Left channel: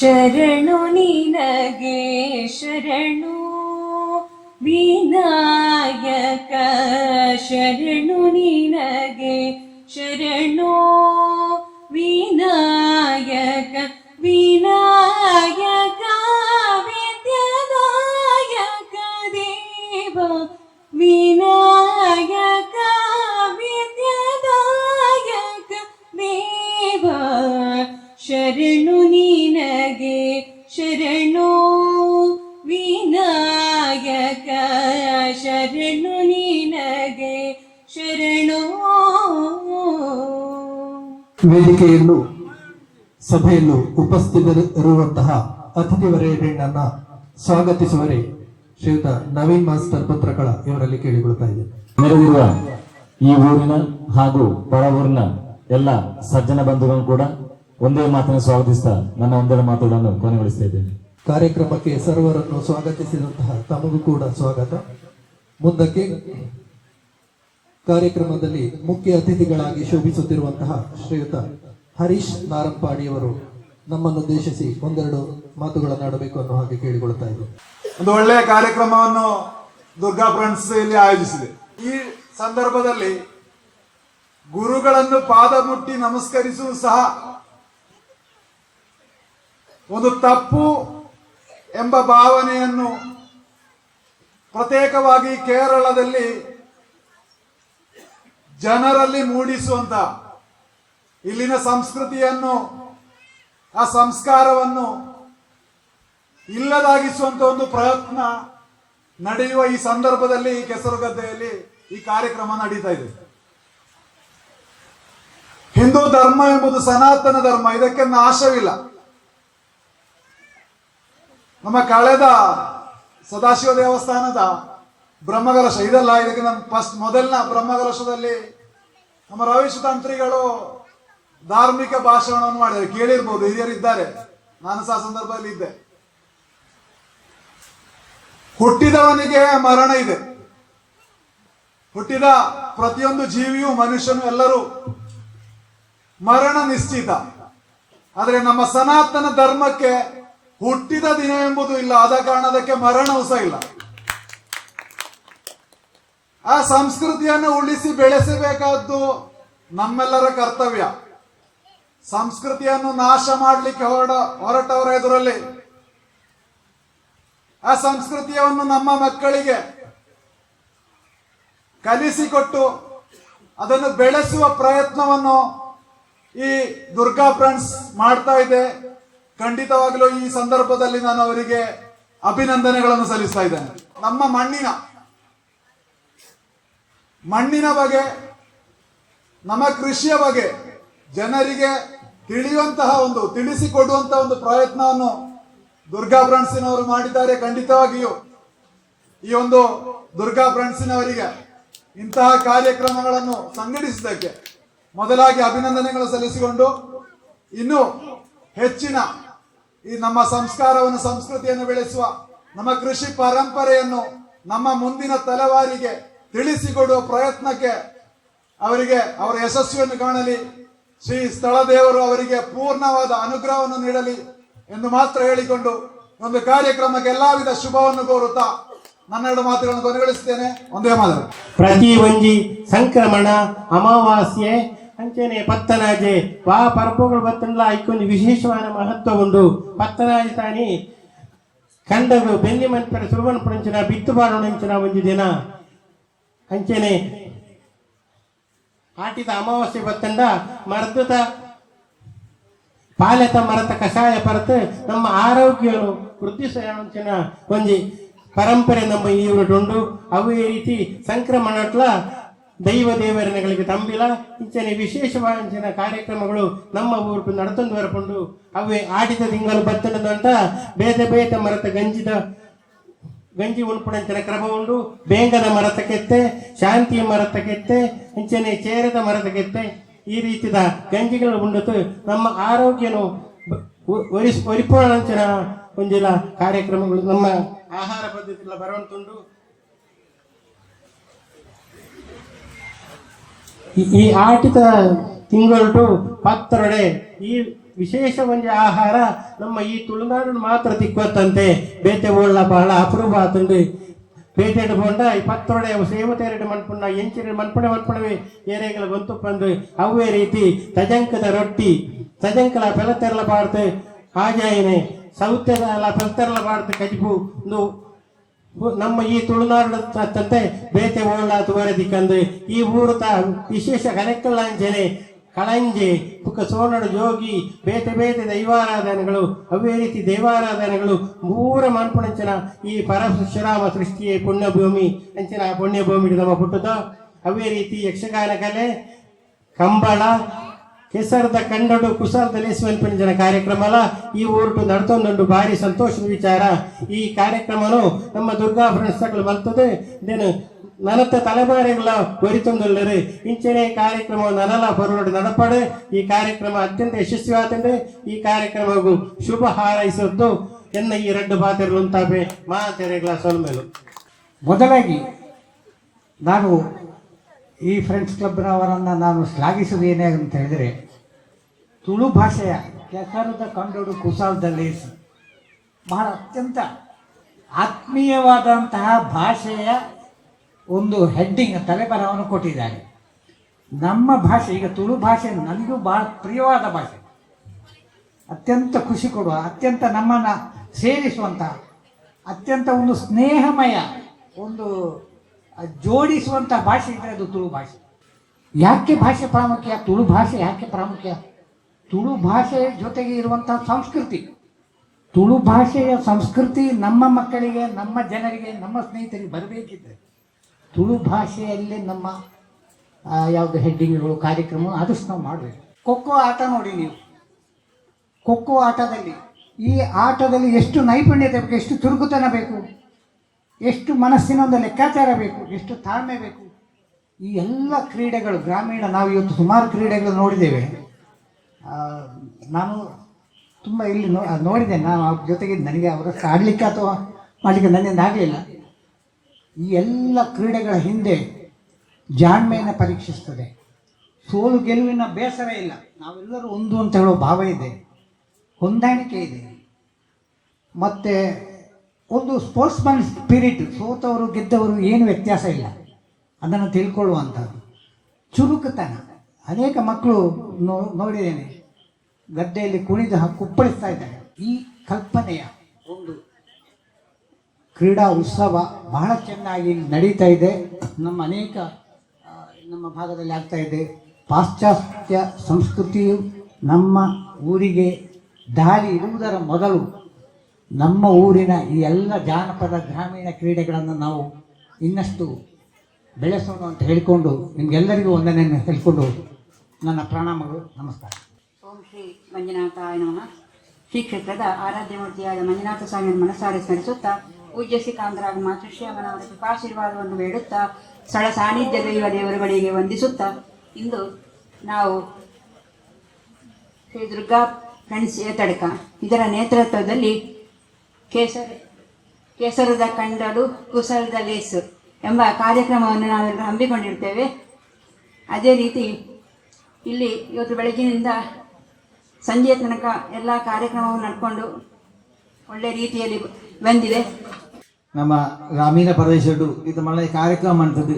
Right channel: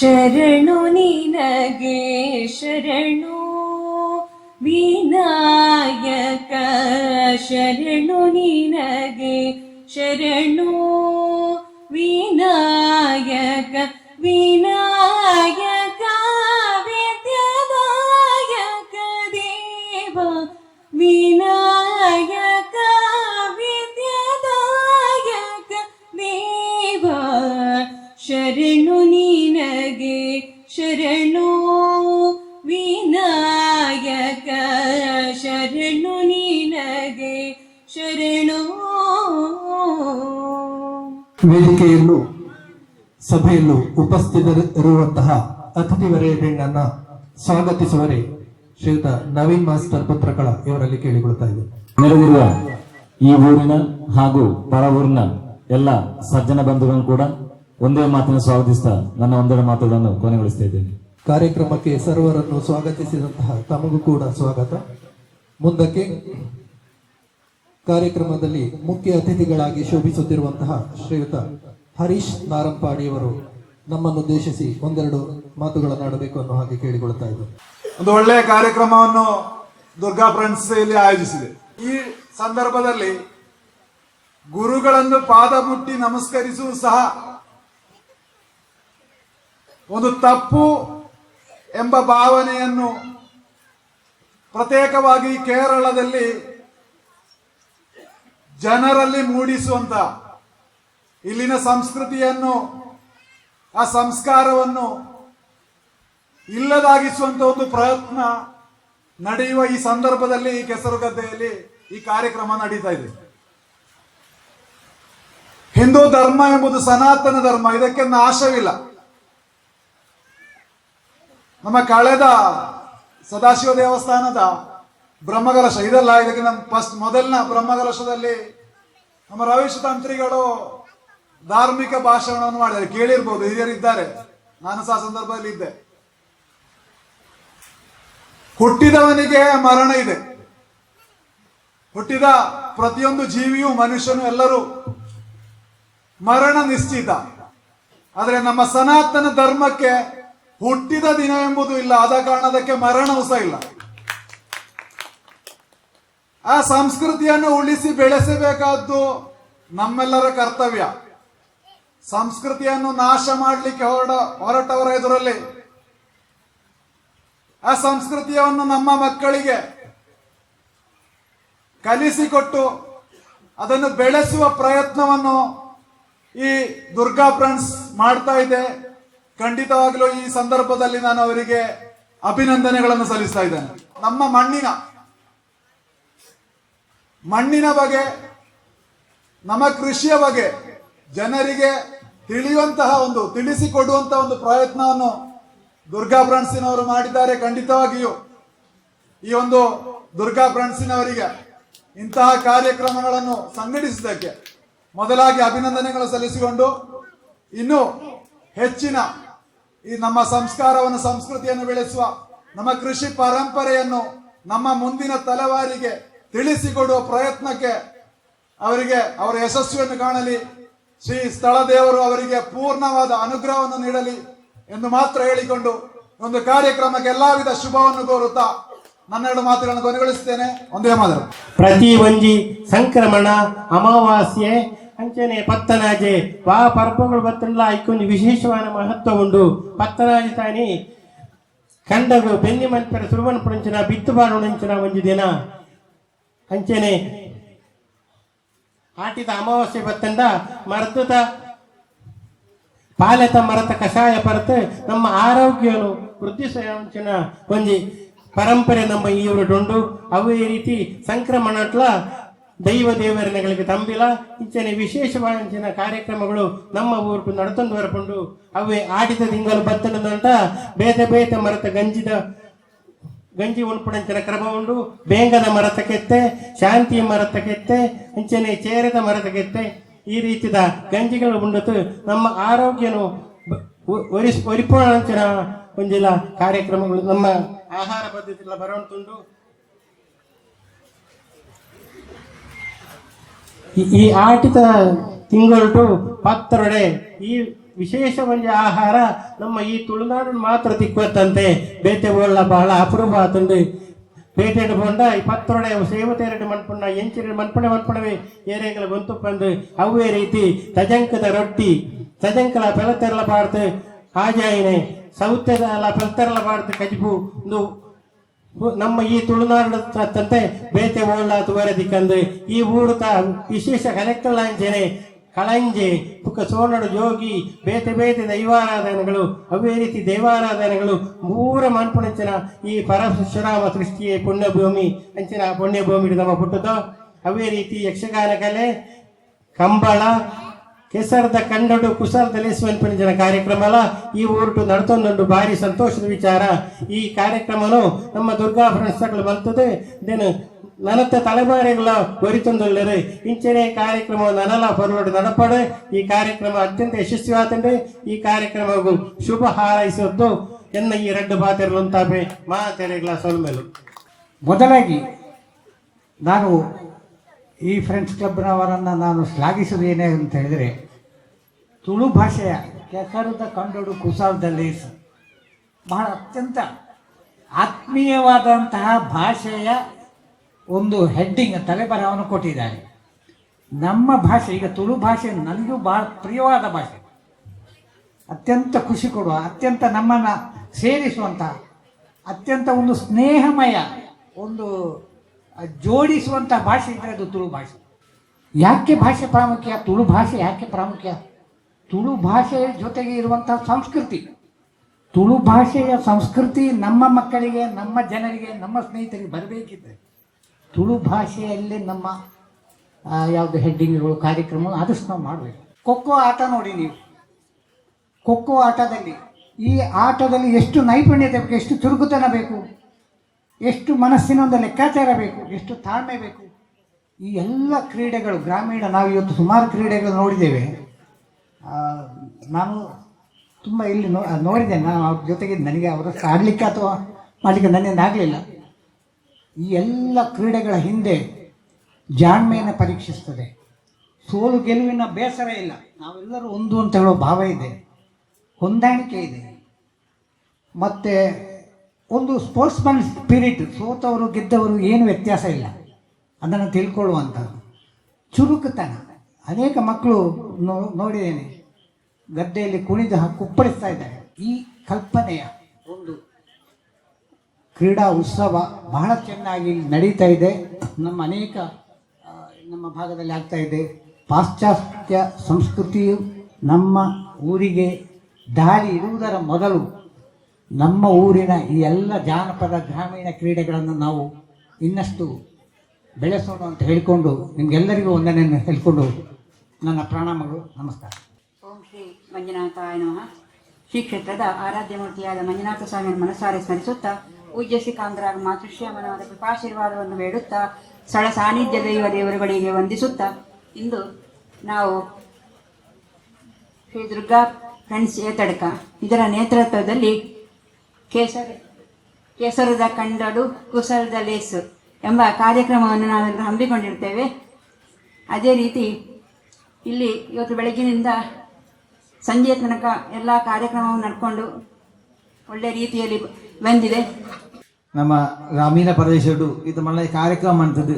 ಶರಣು ನಿನಗೆ ಶರಣು ವಿನಾಯಕ ಶರಣು ನಿನಗೆ ಶರಣು. ವೇದಿಕೆಯಲ್ಲೂ ಸಭೆಯಲ್ಲೂ ಉಪಸ್ಥಿತರಿರುವಂತಹ ಅತಿಥಿ ನನ್ನ ಸ್ವಾಗತಿಸುವರೆ ಶ್ರೀಯುತ ನವೀನ್ ಮಾಸ್ಟರ್ ಪುತ್ರಕಳ ಇವರಲ್ಲಿ ಕೇಳಿಕೊಳ್ತಾ ಇದೆ ನೆರೆದಿರುವ ಈ ಊರಿನ ಹಾಗೂ ಪರ ಊರಿನ ಎಲ್ಲ ಸಜ್ಜನ ಬಂಧುಗಳನ್ನು ಕೂಡ ಒಂದೇ ಮಾತನ್ನು ಸ್ವಾಗತಿಸ್ತಾ ನನ್ನ ಒಂದೆರಡು ಮಾತುಗಳನ್ನು ಕೊನೆಗೊಳಿಸ್ತಾ ಇದ್ದೇನೆ. ಕಾರ್ಯಕ್ರಮಕ್ಕೆ ಸರ್ವರನ್ನು ಸ್ವಾಗತಿಸಿದಂತಹ ತಮಗೂ ಕೂಡ ಸ್ವಾಗತ. ಮುಂದಕ್ಕೆ ಕಾರ್ಯಕ್ರಮದಲ್ಲಿ ಮುಖ್ಯ ಅತಿಥಿಗಳಾಗಿ ಶೋಭಿಸುತ್ತಿರುವಂತಹ ಶ್ರೀಯುತ ಹರೀಶ್ ನಾರಂಪಾಣಿಯವರು ನಮ್ಮನ್ನು ಉದ್ದೇಶಿಸಿ ಒಂದೆರಡು ಮಾತುಗಳನ್ನಾಡಬೇಕು ಅನ್ನೋ ಹಾಗೆ ಕೇಳಿಕೊಳ್ತಾ ಇದ್ದರು ಒಂದು ಒಳ್ಳೆಯ ಕಾರ್ಯಕ್ರಮವನ್ನು ದುರ್ಗಾ ಫ್ರೆಂಡ್ಸ್ ಇಲ್ಲಿ ಆಯೋಜಿಸಿದೆ. ಈ ಸಂದರ್ಭದಲ್ಲಿ ಗುರುಗಳನ್ನು ಪಾದ ಮುಟ್ಟಿ ನಮಸ್ಕರಿಸುವುದು ಸಹ ಒಂದು ತಪ್ಪು ಎಂಬ ಭಾವನೆಯನ್ನು ಪ್ರತ್ಯೇಕವಾಗಿ ಕೇರಳದಲ್ಲಿ ಜನರಲ್ಲಿ ಮೂಡಿಸುವಂತ ಇಲ್ಲಿನ ಸಂಸ್ಕೃತಿಯನ್ನು, ಆ ಸಂಸ್ಕಾರವನ್ನು ಇಲ್ಲದಾಗಿಸುವಂತ ಒಂದು ಪ್ರಯತ್ನ ನಡೆಯುವ ಈ ಸಂದರ್ಭದಲ್ಲಿ ಈ ಕೆಸರುಗದ್ದೆಯಲ್ಲಿ ಈ ಕಾರ್ಯಕ್ರಮ ನಡೀತಾ ಇದೆ. ಹಿಂದೂ ಧರ್ಮ ಎಂಬುದು ಸನಾತನ ಧರ್ಮ ಇದಕ್ಕೆ ನಾಶವಿಲ್ಲ ನಮ್ಮ ಕಳೆದ ಸದಾಶಿವ ದೇವಸ್ಥಾನದ ಬ್ರಹ್ಮಕಲಶ ಇದೆಲ್ಲ ನಮ್ಮ ಫಸ್ಟ್ ಮೊದಲಿನ ಬ್ರಹ್ಮಕಲಶದಲ್ಲಿ ನಮ್ಮ ರವೀಶ್ ತಂತ್ರಿಗಳು ಧಾರ್ಮಿಕ ಭಾಷಣವನ್ನು ಮಾಡಿದ್ದಾರೆ. ಕೇಳಿರ್ಬೋದು ಹಿರಿಯರಿದ್ದಾರೆ ನಾನು ಸಹ ಸಂದರ್ಭದಲ್ಲಿ ಇದ್ದೆ. ಹುಟ್ಟಿದವನಿಗೆ ಮರಣ ಇದೆ. ಹುಟ್ಟಿದ ಪ್ರತಿಯೊಂದು ಜೀವಿಯು ಮನುಷ್ಯನು ಎಲ್ಲರೂ ಮರಣ ನಿಶ್ಚಿತ. ಆದರೆ ನಮ್ಮ ಸನಾತನ ಧರ್ಮಕ್ಕೆ ಹುಟ್ಟಿದ ದಿನ ಎಂಬುದು ಇಲ್ಲ. ಆದ ಕಾರಣದಕ್ಕೆ ಮರಣವೂ ಸಹ ಇಲ್ಲ. ಆ ಸಂಸ್ಕೃತಿಯನ್ನು ಉಳಿಸಿ ಬೆಳೆಸಬೇಕಾದ್ದು ನಮ್ಮೆಲ್ಲರ ಕರ್ತವ್ಯ. ಸಂಸ್ಕೃತಿಯನ್ನು ನಾಶ ಮಾಡಲಿಕ್ಕೆ ಹೊರಡ, ಹೊರಟವರ ಎದುರಲ್ಲಿ. ಆ ಸಂಸ್ಕೃತಿಯನ್ನು ನಮ್ಮ ಮಕ್ಕಳಿಗೆ ಕಲಿಸಿಕೊಟ್ಟು ಅದನ್ನು ಬೆಳೆಸುವ ಪ್ರಯತ್ನವನ್ನು ಈ ದುರ್ಗಾ ಫ್ರೆಂಡ್ಸ್ ಮಾಡ್ತಾ ಇದೆ. ಖಂಡಿತವಾಗಲೂ ಈ ಸಂದರ್ಭದಲ್ಲಿ ನಾನು ಅವರಿಗೆ ಅಭಿನಂದನೆಗಳನ್ನು ಸಲ್ಲಿಸ್ತಾ ಇದ್ದೇನೆ. ನಮ್ಮ ಮಣ್ಣಿನ ಮಣ್ಣಿನ ಬಗ್ಗೆ, ನಮ್ಮ ಕೃಷಿಯ ಬಗ್ಗೆ ಜನರಿಗೆ ತಿಳಿಯುವಂತಹ ಒಂದು ತಿಳಿಸಿಕೊಡುವಂತಹ ಒಂದು ಪ್ರಯತ್ನವನ್ನು ದುರ್ಗಾ ಬ್ರಾಂಡ್ಸಿನವರು ಮಾಡಿದ್ದಾರೆ ಖಂಡಿತವಾಗಿಯೂ. ಈ ಒಂದು ದುರ್ಗಾ ಬ್ರಾಂಡ್ಸಿನವರಿಗೆ ಇಂತಹ ಕಾರ್ಯಕ್ರಮಗಳನ್ನು ಸಂಘಟಿಸಿದ್ದಕ್ಕೆ ಮೊದಲಾಗಿ ಅಭಿನಂದನೆಗಳು ಸಲ್ಲಿಸಿಕೊಂಡು, ಇನ್ನು ಹೆಚ್ಚಿನ ಈ ನಮ್ಮ ಸಂಸ್ಕಾರವನ್ನು, ಸಂಸ್ಕೃತಿಯನ್ನು ಬೆಳೆಸುವ ನಮ್ಮ ಕೃಷಿ ಪರಂಪರೆಯನ್ನು ನಮ್ಮ ಮುಂದಿನ ತಲೆವಾರಿಗೆ ತಿಳಿಸಿಕೊಡುವ ಪ್ರಯತ್ನಕ್ಕೆ ಅವರಿಗೆ, ಅವರ ಯಶಸ್ವಿಯನ್ನು ಕಾಣಲಿ. ಶ್ರೀ ಸ್ಥಳ ದೇವರು ಅವರಿಗೆ ಪೂರ್ಣವಾದ ಅನುಗ್ರಹವನ್ನು ನೀಡಲಿ ಎಂದು ಮಾತ್ರ ಹೇಳಿಕೊಂಡು ಒಂದು ಕಾರ್ಯಕ್ರಮಕ್ಕೆ ಎಲ್ಲಾ ವಿಧ ಶುಭವನ್ನು ಕೋರುತ್ತಾ ನನ್ನೆರಡು ಮಾತುಗಳನ್ನು ಕೊನೆಗೊಳಿಸುತ್ತೇನೆ. ಒಂದೇ ಮಾತು ಪ್ರತಿ ಒಂಜಿ ಸಂಕ್ರಮಣ, ಅಮಾವಾಸ್ಯೆ, ಅಂಚನೆ ಪತ್ತನಾಜೆ ಬಾ ಪರ್ಪಗಳು ಬತ್ತಲ್ಲ ಐಕೊಂದು ವಿಶೇಷವಾದ ಮಹತ್ವ ಉಂಡು. ಪತ್ತನಾಜೆ ತಾನಿ ಕಂಡಗಳು ಬೆನ್ನಿ ಮಂತ್ರ ಸುರುವನ್ ಪುರಂಚನ ಬಿತ್ತು ಬಾರೋಣಂಚನ ಒಂಜಿ ದಿನ. ಅಂಚನೆ ಆಟಿದ ಅಮಾವಾಸ್ಯೆ ಬತ್ತಂಡ ಮರದ ಪಾಲೆತ ಮರತ ಕಷಾಯ ಪರತ್ ನಮ್ಮ ಆರೋಗ್ಯವನ್ನು ವೃದ್ಧಿಸಿನ ಒಂಜಿ ಪರಂಪರೆ ನಮ್ಮ ಈ ಉಂಟು ಅವೇ ರೀತಿ ಸಂಕ್ರಮಣಟ್ಲ ದೈವ ದೇವರನೆಗಳಿಗೆ ತಂಬಿಲ. ಇಂಚನೆ ವಿಶೇಷವಾದ ಕಾರ್ಯಕ್ರಮಗಳು ನಮ್ಮ ಊರು ನಡ್ತೊಂದು ಬರಕೊಂಡು ಅವೇ ಆಡಿದ ತಿಂಗಳು ಬತ್ತನದಂತ ಬೇತೆ ಬೇತೆ ಮರತ ಗಂಜಿದ ಗಂಜಿ ಉಣ್ಪುಡಂಚಿನ ಕ್ರಮ ಉಂಡು ಬೇಂಗದ ಮರತ ಕೆತ್ತೆ ಶಾಂತಿ ಮರತ ಕೆತ್ತೆ, ಅಂಚನೆ ಚೇರದ ಮರದ ಕೆತ್ತೆ. ಈ ರೀತಿಯ ಗಂಜಿಗಳು ಉಂಡತು ನಮ್ಮ ಆರೋಗ್ಯನು ಒರಿಸ್ ಒರಿಪೋಣಂಚಿನ ಒಂಜಿಲ ಕಾರ್ಯಕ್ರಮಗಳು. ನಮ್ಮ ಆಹಾರ ಪದ್ಧತಿಗಳ ಬರುವಂತುಂಡು ಈ- ಆಟಿದ ತಿಂಗಳು ಪತ್ತರೊಡೆ ಈ ವಿಶೇಷ ಒಂದು ಆಹಾರ, ನಮ್ಮ ಈ ತುಳುನಾಡಿನ ಮಾತ್ರ ತಿಕ್ಕತ್ತಂತೆ ಬೇತೆ ಬಹಳ ಅಪರೂಪ ಆತುಂಡು ಪೇಟೆಡ್ ಬೊಂಡ ಇಪ್ಪತ್ತೊಡೆ ಸೇವತೆರಡು ಮನ್ಪುನ ಎಂಚಿನ ಮನ್ಪುಣೆ ಮನ್ಪುಣವೆ ಏರೆಗಳ ಗೊಂತು ಬಂದು ಅವೇ ರೀತಿ ತಜಂಕದ ರೊಟ್ಟಿ, ತಜಂಕಲ ಪೆಲತೆರಲ ಪಾಡ್ದು ಆಜಾಯಿನೆ ಸೌತೆಲ ಪೆಲತೆರಲ ಪಾಡ್ದು ಕಜಿಪು. ಒಂದು ನಮ್ಮ ಈ ತುಳುನಾಡಿನ ಬೇತೆ ಓಳ್ಳ ತುವರ ದಿಕ್ಕಂದು ಈ ಊರುತ ವಿಶೇಷ ಕನೆಕ್ಕಲಾಂಚನೆ ಕಳಂಜೆ, ಪುಕ್ಕ ಸೋನಡು ಜೋಗಿ, ಬೇತೆ ಬೇತೆ ದೈವಾರಾಧನೆಗಳು, ಅವೇ ರೀತಿ ದೇವಾರಾಧನೆಗಳು ಮೂರ ಮನ್ಪುಣಂಚನ ಈ ಪರಶುರಾಮ ಸೃಷ್ಟಿಯ ಪುಣ್ಯಭೂಮಿ, ಅಂಚಿನ ಪುಣ್ಯಭೂಮಿ ನಮ್ಮ ಹುಟ್ಟುತ್ತೋ ಅವೇ ರೀತಿ ಯಕ್ಷಗಾನ ಕಲೆ, ಕಂಬಳ, ಕೆಸರದ ಕಂಡಡು ಕುಸಲ್ ತಲೆಸುವನ್ ಜನ ಕಾರ್ಯಕ್ರಮಲ, ಈ ಊರುಟು ನಡ್ತೊಂದು ಭಾರಿ ಸಂತೋಷದ ವಿಚಾರ. ಈ ಕಾರ್ಯಕ್ರಮನು ನಮ್ಮ ದುರ್ಗಾ ಫ್ರೆಂಡ್ಸ್ಗಳು ಬರ್ತದೆ ಇದನ್ನು ನಲತ್ತ ತಲೆಮಾರಿಗಳ ಒರಿತೊಂದುಳ್ಳರು ಇಂಚನೆ ಕಾರ್ಯಕ್ರಮ ನನಲ ಬರಲೋಡು ನಡಪಡೆ ಈ ಕಾರ್ಯಕ್ರಮ ಅತ್ಯಂತ ಯಶಸ್ವಿ ಆತಂಡೆ ಈ ಕಾರ್ಯಕ್ರಮವು ಶುಭ ಹಾರೈಸದ್ದು ಎನ್ನ ಈ ಎರಡು ಪಾತ್ರೆಗಳು ತಾಪೆ ಮಾತೆರೆಗಳ ಸೊಲ್ಮೆಲು ಮೊದಲಾಗಿ ನಾನು ಈ ಫ್ರೆಂಡ್ಸ್ ಕ್ಲಬ್ನವರನ್ನು ನಾನು ಶ್ಲಾಘಿಸುವುದೇನೇ ಅಂತ ಹೇಳಿದರೆ, ತುಳು ಭಾಷೆಯ ಕೆಸರದ ಕಂಡೋಡು ಕುಸಾಲದಲ್ಲಿ ಬಹಳ ಅತ್ಯಂತ ಆತ್ಮೀಯವಾದಂತಹ ಭಾಷೆಯ ಒಂದು ಹೆಡ್ಡಿಂಗ್ ತಲೆಬರಹವನ್ನು ಕೊಟ್ಟಿದ್ದಾರೆ. ನಮ್ಮ ಭಾಷೆ, ಈಗ ತುಳು ಭಾಷೆ ನನಗೂ ಬಹಳ ಪ್ರಿಯವಾದ ಭಾಷೆ. ಅತ್ಯಂತ ಖುಷಿ ಕೊಡುವ, ಅತ್ಯಂತ ನಮ್ಮನ್ನು ಸೇರಿಸುವಂಥ ಅತ್ಯಂತ ಒಂದು ಸ್ನೇಹಮಯ, ಒಂದು ಜೋಡಿಸುವಂಥ ಭಾಷೆ ಇದ್ದರೆ ಅದು ತುಳು ಭಾಷೆ. ಯಾಕೆ ಭಾಷೆ ಪ್ರಾಮುಖ್ಯ? ತುಳು ಭಾಷೆ ಯಾಕೆ ಪ್ರಾಮುಖ್ಯ? ತುಳು ಭಾಷೆಯ ಜೊತೆಗೆ ಇರುವಂಥ ಸಂಸ್ಕೃತಿ. ತುಳು ಭಾಷೆಯ ಸಂಸ್ಕೃತಿ ನಮ್ಮ ಮಕ್ಕಳಿಗೆ, ನಮ್ಮ ಜನರಿಗೆ, ನಮ್ಮ ಸ್ನೇಹಿತರಿಗೆ ಬರಬೇಕಿದ್ರೆ ತುಳು ಭಾಷೆಯಲ್ಲಿ ನಮ್ಮ ಯಾವುದು ಹೆಡ್ಡಿಂಗ್ಗಳು, ಕಾರ್ಯಕ್ರಮ ಆದಷ್ಟು ನಾವು ಮಾಡಬೇಕು. ಖೋಖೋ ಆಟ ನೋಡಿ ನೀವು. ಖೋಖೋ ಆಟದಲ್ಲಿ ಈ ಆಟದಲ್ಲಿ ಎಷ್ಟು ನೈಪುಣ್ಯತೆ ಬೇಕು, ಎಷ್ಟು ಚುರುಕುತನ ಬೇಕು, ಎಷ್ಟು ಮನಸ್ಸಿನ ಒಂದು ಲೆಕ್ಕಾಚಾರ ಬೇಕು, ಎಷ್ಟು ತಾಳ್ಮೆ ಬೇಕು, ಈ ಎಲ್ಲ ಕ್ರೀಡೆಗಳು, ಗ್ರಾಮೀಣ ನಾವು ಇವತ್ತು ಸುಮಾರು ಕ್ರೀಡೆಗಳು ನೋಡಿದ್ದೇವೆ. ನಾನು ತುಂಬ ಇಲ್ಲಿ ನೋ, ನೋಡಿದ್ದೇನೆ. ನಾನು ಅವ್ರ ಜೊತೆಗೆ ನನಗೆ ಅವರ ಆಡಲಿಕ್ಕೆ ಅಥವಾ ಮಾಡಲಿಕ್ಕೆ ನನ್ನಿಂದ ಆಗಲಿಲ್ಲ. ಈ ಎಲ್ಲ ಕ್ರೀಡೆಗಳ ಹಿಂದೆ ಜಾಣ್ಮೆಯನ್ನು ಪರೀಕ್ಷಿಸ್ತದೆ. ಸೋಲು ಗೆಲುವಿನ ಬೇಸರ ಇಲ್ಲ. ನಾವೆಲ್ಲರೂ ಒಂದು ಅಂತ ಹೇಳೋ ಭಾವ ಇದೆ. ಹೊಂದಾಣಿಕೆ ಇದೆ. ಮತ್ತು ಒಂದು ಸ್ಪೋರ್ಟ್ಸ್ ಮ್ಯಾನ್ ಸ್ಪಿರಿಟ್ ಸೋತವರು ಗೆದ್ದವರು ಏನು ವ್ಯತ್ಯಾಸ ಇಲ್ಲ. ಅದನ್ನು ತಿಳ್ಕೊಳ್ಳುವಂಥದ್ದು. ಚುರುಕುತನ. ಅನೇಕ ಮಕ್ಕಳು ನೋ, ನೋಡಿದ್ದೇನೆ. ಗದ್ದೆಯಲ್ಲಿ ಕುಣಿದು ಕುಪ್ಪಳಿಸ್ತಾ ಇದ್ದಾರೆ. ಈ ಕಲ್ಪನೆಯ ಒಂದು ಕ್ರೀಡಾ ಉತ್ಸವ ಬಹಳ ಚೆನ್ನಾಗಿ ನಡೀತಾ ಇದೆ. ನಮ್ಮ ಅನೇಕ ನಮ್ಮ ಭಾಗದಲ್ಲಿ ಆಗ್ತಾ ಇದೆ. ಪಾಶ್ಚಾತ್ಯ ಸಂಸ್ಕೃತಿಯು ನಮ್ಮ ಊರಿಗೆ ದಾರಿ ಇರುವುದರ ಮೊದಲು ನಮ್ಮ ಊರಿನ ಈ ಎಲ್ಲ ಜಾನಪದ ಗ್ರಾಮೀಣ ಕ್ರೀಡೆಗಳನ್ನು ನಾವು ಇನ್ನಷ್ಟು ಬೆಳೆಸೋಣ ಅಂತ ಹೇಳಿಕೊಂಡು ನಿಮಗೆಲ್ಲರಿಗೂ ಒಂದನೆಯನ್ನು ಹೇಳಿಕೊಂಡು ನನ್ನ ಪ್ರಣಾಮಗಳು. ನಮಸ್ಕಾರ. ಓಂ ಶ್ರೀ ಮಂಜುನಾಥ ಶ್ರೀ ಕ್ಷೇತ್ರದ ಆರಾಧ್ಯ ಮೂರ್ತಿಯಾದ ಮಂಜುನಾಥ ಸ್ವಾಮಿಯನ್ನು ಮನಸ್ಸಾರೆ ಸ್ಮರಿಸುತ್ತಾ ಪೂಜ್ಯ ಶ್ರೀ ಕಾಮರಾಗ ಮಾತೃಶ್ಯಾಮನವರ ಕೃಪಾಶೀರ್ವಾದವನ್ನು ಬೇಡುತ್ತಾ, ಸ್ಥಳ ಸಾನ್ನಿಧ್ಯ ದೈವ ದೇವರುಗಳಿಗೆ ವಂದಿಸುತ್ತಾ, ಇಂದು ನಾವು ಶ್ರೀ ದುರ್ಗಾ ಫ್ರೆಂಡ್ಸ್ ಏತಡಕ ಇದರ ನೇತೃತ್ವದಲ್ಲಿ ಕೇಸರಿ, ಕೇಸರದ ಕಂಡಲು ಕುಸರದ ಲೇಸು ಎಂಬ ಕಾರ್ಯಕ್ರಮವನ್ನು ನಾವು ಹಮ್ಮಿಕೊಂಡಿರ್ತೇವೆ. ಅದೇ ರೀತಿ ಇಲ್ಲಿ ಇವತ್ತು ಬೆಳಗ್ಗಿನಿಂದ ಸಂಜೆ ತನಕ ಎಲ್ಲ ಕಾರ್ಯಕ್ರಮವನ್ನು ನಡ್ಕೊಂಡು ಒಳ್ಳೆ ರೀತಿಯಲ್ಲಿ ಬಂದಿದೆ. ನಮ್ಮ ಗ್ರಾಮೀಣ ಪ್ರದೇಶಡು ಇದು ಮಲ್ಲ ಕಾರ್ಯಕ್ರಮ ಅಂತದ್ದು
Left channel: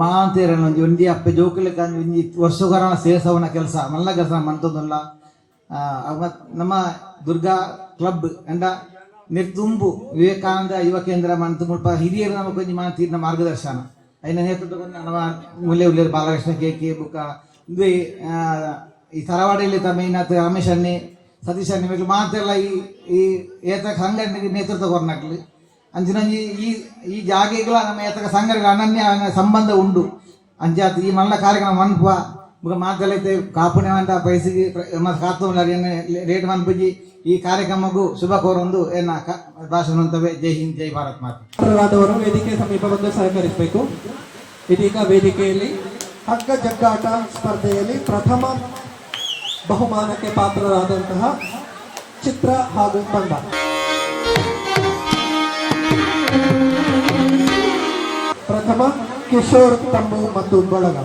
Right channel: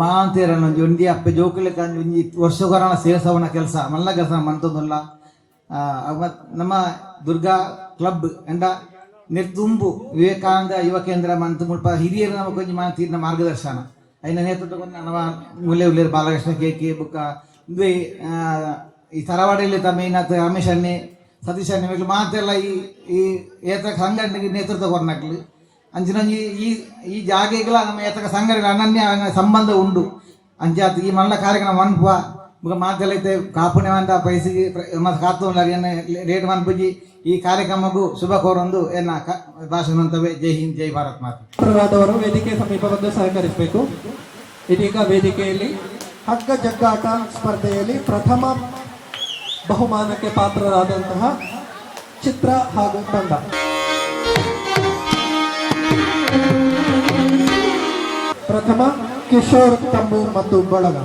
ಮಾಂತೇರ ಒಂದು ಒಂದಿ ಅಪ್ಪೆ ಜೋಕುಲೆ ಕಂಜಿ ಒಂಜಿ ಕೆಲಸ. ಮಲ್ಲ ಕೆಲಸ ಮಂತದಲ್ಲ. ನಮ್ಮ ದುರ್ಗಾ ಕ್ಲಬ್ ಎಂಡ ನಿರ್ದುಂಬು ವಿವೇಕಾನಂದ ಯುವ ಕೇಂದ್ರ ಮಂತ್ ಮುಲ್ಪ ಹಿರಿಯರ ನಮಗೆ ಕೊಂಚ ಮಾಂತೀರ್ನ ಮಾರ್ಗದರ್ಶನ. ಐನ ನೇತೃತ್ವ ನಮ್ಮ ಮುಲ್ಲೆ ಉಲ್ಲೇರು ಬಾಲಕೃಷ್ಣ ಕೆ ಕೆ ಬುಕ್ಕ. ಈ ತರವಾಡಿಯಲ್ಲಿ ತಮ್ಮ ರಮೇಶ್ ಅನ್ನಿ ಸತೀಶ್ ಇವ್ರು ಮಾತೆಲ್ಲ ಈ ಈ ಏತ ಸಂಘಟನೆಗೆ ನೇತೃತ್ವ ಕೊರ್ನಕ್ಲು ಅಂಚಿನಂಜಿ ಈ ಈ ಜಾಗೆಗಳ ನಮ್ಮ ಎತ್ತಕ ಸಂಘಟನೆ ಅನನ್ಯ ಸಂಬಂಧ ಉಂಡು ಅಂಚಾತ್ ಈ ಮಲ್ಲ ಕಾರ್ಯಕ್ರಮ ಮನ್ಪುವ. ಮುಗ ಮಾತಲೈತೆ ಕಾಪುಣೆ ಅಂತ ಪೈಸಿಗೆ ಕಾತು ರೇಟ್ ಮನ್ಪುಜಿ ಈ ಕಾರ್ಯಕ್ರಮಕ್ಕೂ ಶುಭ ಕೋರೊಂದು ಎನ್ನ ಭಾಷಣವಂತವೇ ಜೈ ಹಿಂದ್, ಜೈ ಭಾರತ್ ಮಾತಾ. ವೇದಿಕೆ ಸಮೀಪ ಬಂದು ಸಹಕರಿಸಬೇಕು. ಇದೀಗ ವೇದಿಕೆಯಲ್ಲಿ ಹಗ್ಗ ಜಗ್ಗಾಟ ಸ್ಪರ್ಧೆಯಲ್ಲಿ ಪ್ರಥಮ ಬಹುಮಾನಕ್ಕೆ ಪಾತ್ರರಾದಂತಹ ಚಿತ್ರ ಹಾಗೂ ತಂಡ. ಪ್ರಥಮ ಕಿಶೋರ್ ತಂಬು ಮತ್ತು ಬಳಗ.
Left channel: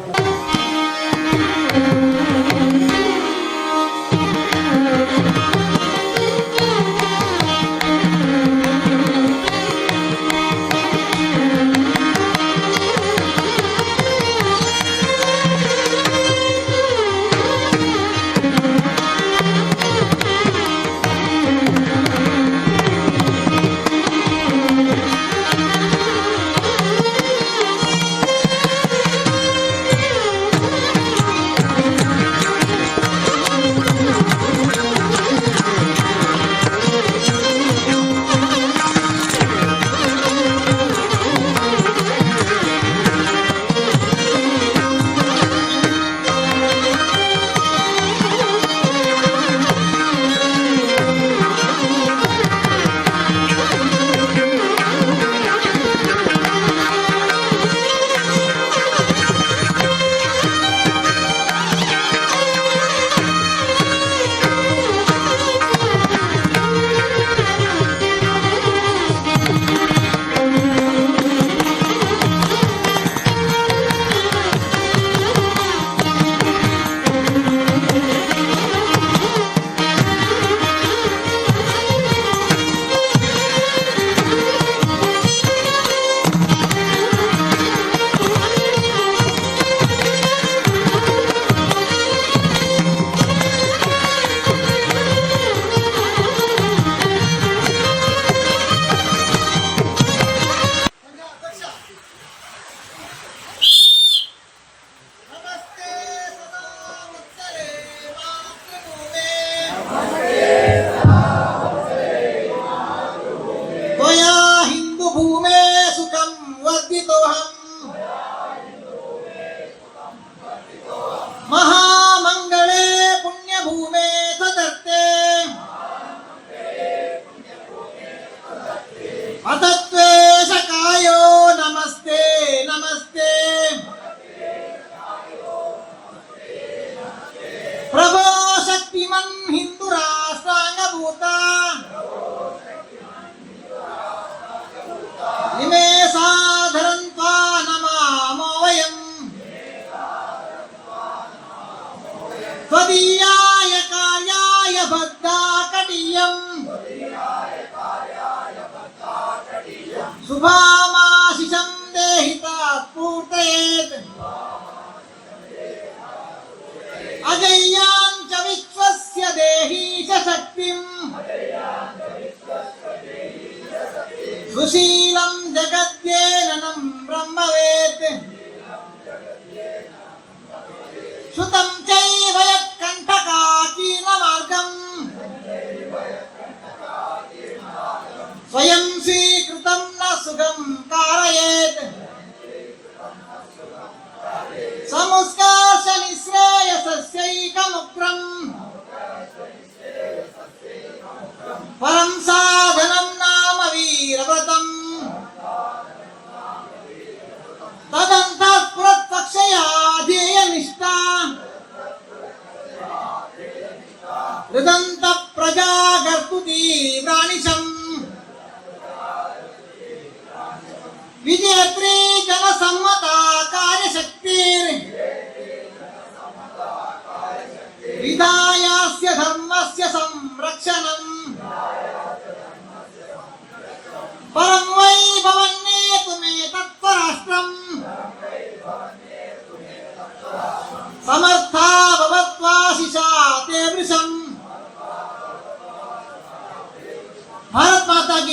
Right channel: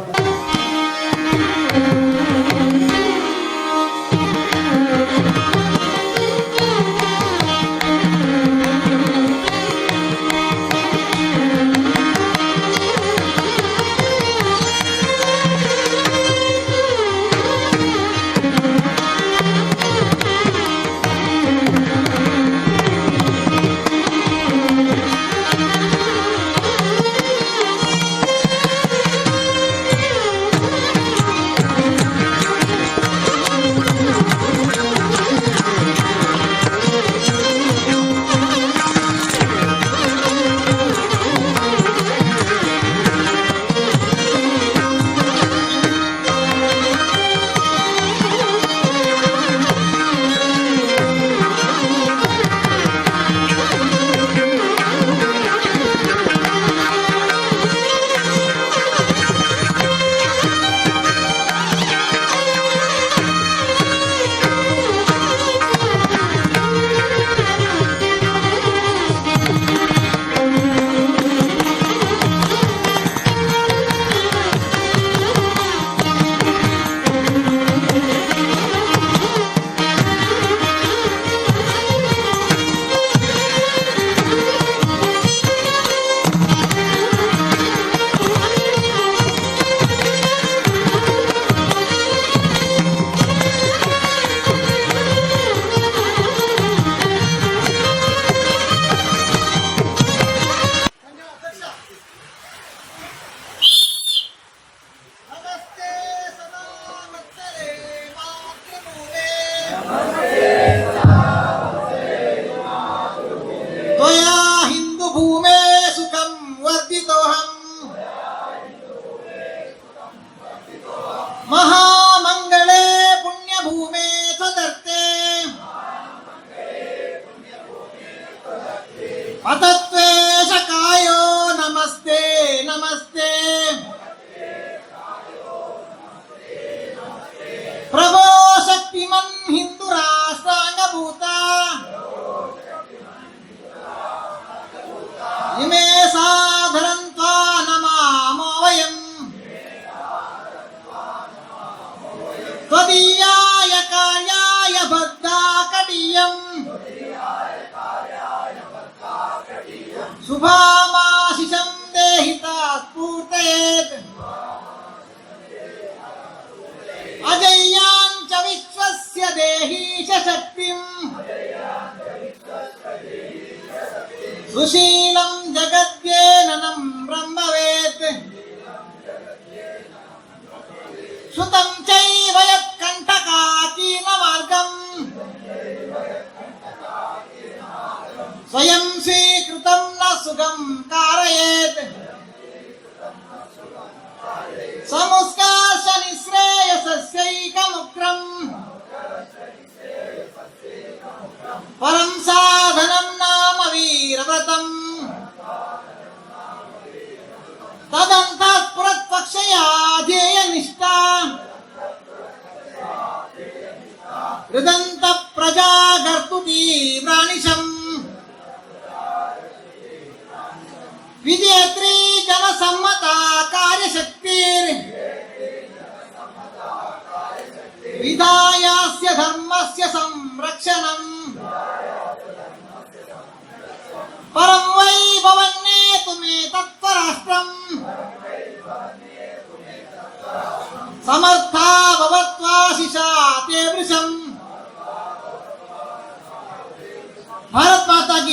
హృదంత ప్రజాగర్భుతీ ప్రాణిశం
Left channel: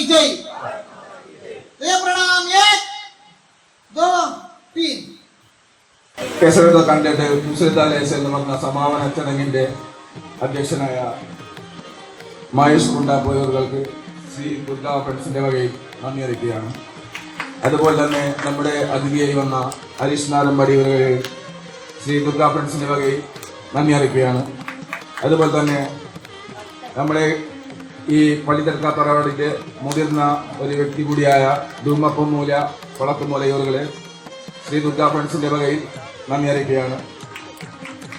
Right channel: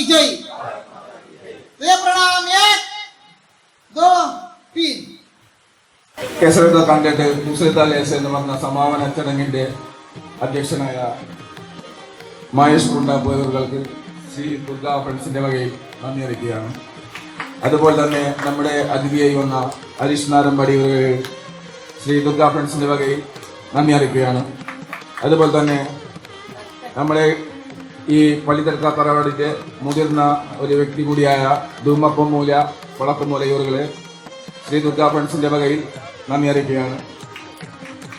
की जय जय प्रणाम एक दो तीन കേസരത കണ്ടിട്ട് മുസ്ലിദാലേസ് എന്ന് പറഞ്ഞ സമാപന ചടങ്ങിന്റെ അധ്യക്ഷനായ മഹേഷ് കുണ്ടാപ്പോയവർക്ക് ശ്രീ ദുർഗാ ഫ്രണ്ട്സിന്റെ വകയിൽ നന്ദി അറിയിക്കുകയാണ് അതുപോലെ തന്നെ നമ്മുടെ അതിഥിയായി വന്ന ഹരീഷ് നാരമ്പടി ഇവർക്ക് ശ്രീ ദുർഗാ ഫ്രണ്ട്സിന്റെ വകയിൽ നന്ദി അറിയിക്കുകയാണ് അതുപോലെ തന്നെ നമ്മുടെ ഈ പള്ളിത്തർക്ക പരിപാടിക്ക് മുതിർന്ന ഒരു വ്യക്തി കൂടിയായ ധൂമക്കൊമ്മൂല കൊളക്കൊമ്മൂല ഇവരുകളെ ശ്രീ ദുർഗാ ഫ്രണ്ട്സിന്റെ വകയിൽ നന്ദി അറിയിക്കുകയാണ്.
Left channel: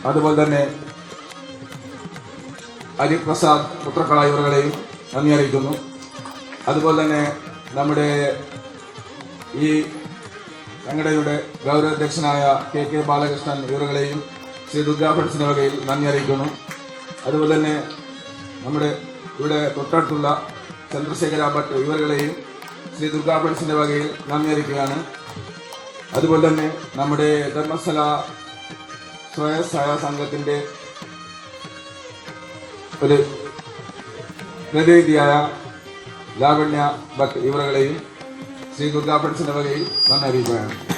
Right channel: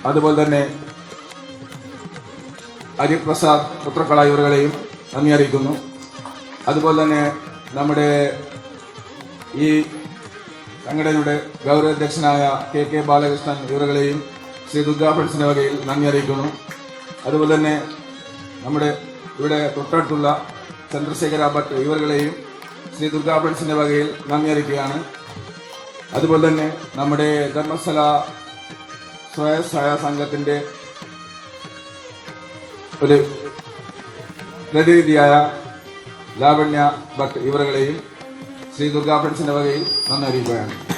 അതുപോലെ തന്നെ ഹരിപ്രസാദ് പുത്രക്കള ഇവരുകളെയും നന്ദി അറിയിക്കുന്നു. അതുപോലെ തന്നെ നമ്മുടെ ഈ സംഘടനയുടെ ഗൗരവാധ്യക്ഷനായ കെ കെ ബാലകൃഷ്ണൻ ഇവരുകളെയും ശ്രീ ദുർഗാ ഫ്രണ്ട്സിന്റെ വകയിൽ നന്ദി അറിയിക്കുന്നു. അതുപോലെ തന്നെ നമ്മുടെ ഇവിടെ തൊട്ടടുത്തുള്ള ചന്ദ്രശേഖര ഭട്ട് ഇവരുടെയും ശ്രീ ദുർഗാ ഫ്രണ്ട്സിന്റെ വകയിൽ നന്ദി അറിയിക്കുകയാണ് അതുപോലെ തന്നെ നമ്മുടെ ധർമ്മസ്ഥല സ്വയസഹായ സംഘത്തിന്റെ ഒരു പ്രതിനിധിയായ ലാവണ്യ ഭട്ട് ഇവരുടെയും ശ്രീ ദുർഗാ ഫ്രണ്ട്സിന്റെ വകയിൽ നന്ദി അറിയിക്കുകയാണ്